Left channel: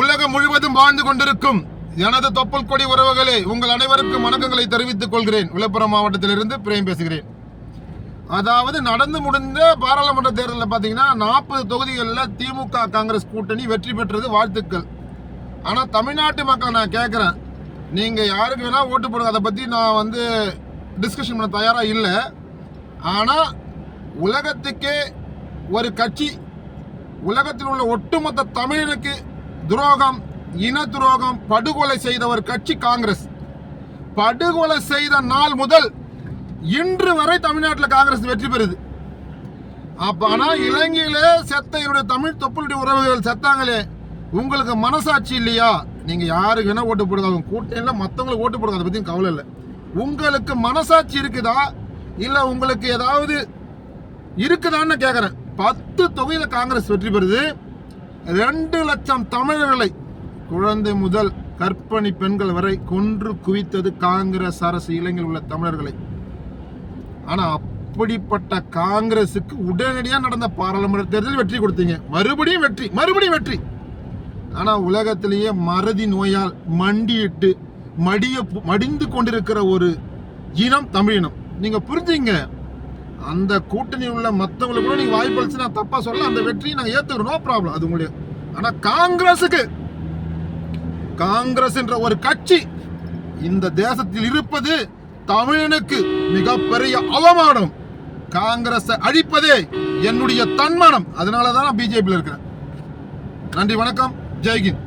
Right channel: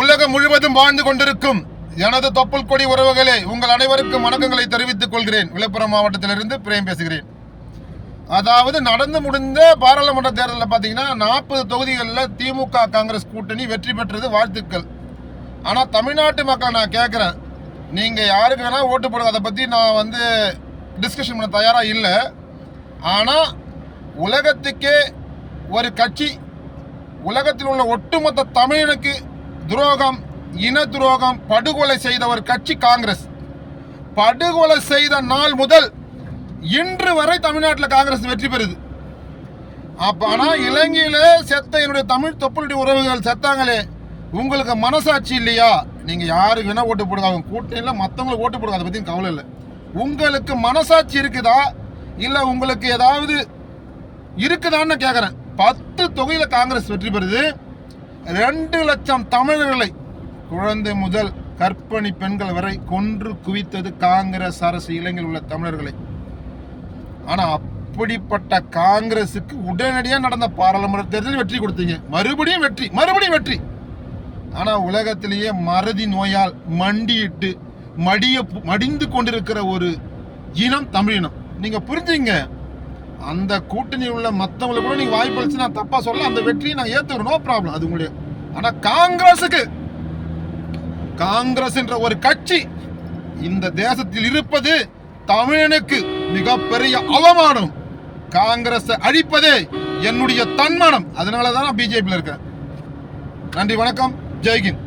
உலகம் முழுவதும் வாழ்ந்து கொண்டிருக்கும் எனது தொப்புள் கொடி உறவுகளே உங்கள் அனைவருக்கும் வணக்கங்களை தெரிவித்துக் கொள்கிறேன். விழுப்புரம் மாவட்டத்திலிருந்து பிரேம் பேசுகிறேன். அதாவது நடந்து முடிந்த பாராளுமன்ற தேர்தலில் பார்த்தீங்கன்னா நாற்பது தொகுதிகளில் திமுக காங்கிரஸ் கூட்டணி வெற்றி பெற்றது வாழ்த்துக்கள். ஆனால் தமிழ்நாட்டு மக்கள் நான் கேட்குறேன். நீங்கள் யாருக்கு வேணால் ஓட்டு போடுங்க. அதை பற்றி நான் வந்து டிஸ்கஷன் பண்ண தயாராக இல்லை. ஆனால் உலகத்துக்கே ஒரு கட்சி உலகத்தில் உள்ள ஒட்டுமொத்த தமிழனுக்கு துரோகம் இன துரோகம் படுகொலை செய்த ஒரு கட்சி காங்கிரஸ். படுகொலை செய்த நாள் முதல் இன்று வரை தமிழ்நாட்டில் காங்கிரஸ் வெற்றி பெறுது. அப்ப ஆனா இலங்கையில செத்த என்னுடைய தமிழ் தொப்புளுடைய உறவுகள் செத்தாங்களே உங்களுக்கு மனசாட்சி இல்லையா? நீங்க யாருக்கு வேணா ஓட்டு போடுங்க. அவங்க கூட்டணியில் மற்றவங்களுக்கு ஓட்டு போடுங்க. அதை பற்றி கவலை இல்லை. உங்களுக்கு மனசாட்சி இருக்குதா? இல்ல உங்களுக்கு ஏதாவது இருக்குதான்னு கேட்குறேன் பத்து தொகையில் காங்கிரஸ் வெற்றி பெறுது. ரெண்டு லட்சம் தமிழர்களை குழந்தை முதல் கற்பணி பெண்கள் வரை கொன்று குவித்தது காங்கிரஸ் அரசு இளைஞர் உள்ள தமிழர்களை. ஆனா அப்படிப்பட்ட காங்கிரசுக்கு உடனடியா நடந்த பாராளுமன்ற தேர்தலில் வெற்றி கொடுத்தீங்க. மறுபடியும் வெற்றி மறுபடியும் வெற்றி. ஆனா உலகத்திலேயே மறதி நோயால் மண்டியிட்டு மடிய மடிந்து கொண்டிருக்கிற ஒரு இனம் தமிழினம். நீங்க புரிஞ்சுங்க. அந்த கூட்டணியில் உள்ள மற்றவங்களுக்கு கூட நீங்க வாய்ப்பு அளிச்சு நான் தப்பா சொல்ல அந்த வெற்றியை நான் ஏத்துக்கிறேன். நோ ப்ராப்ளம் அது உங்களுடைய ஆனா காங்கிரஸுக்கு காங்கிரஸ் என்ற ஒரு கட்சி இந்த தேசத்தில் இருப்பது தமிழனுக்கு மிகப்பெரிய அவமானம். காங்கிரஸை அழிப்பதே என்னுடைய தன்மானம். அதனால தான் நான் பிஜேபியில் இருக்கேன் நன்றி வணக்கம். ஜெய்கின்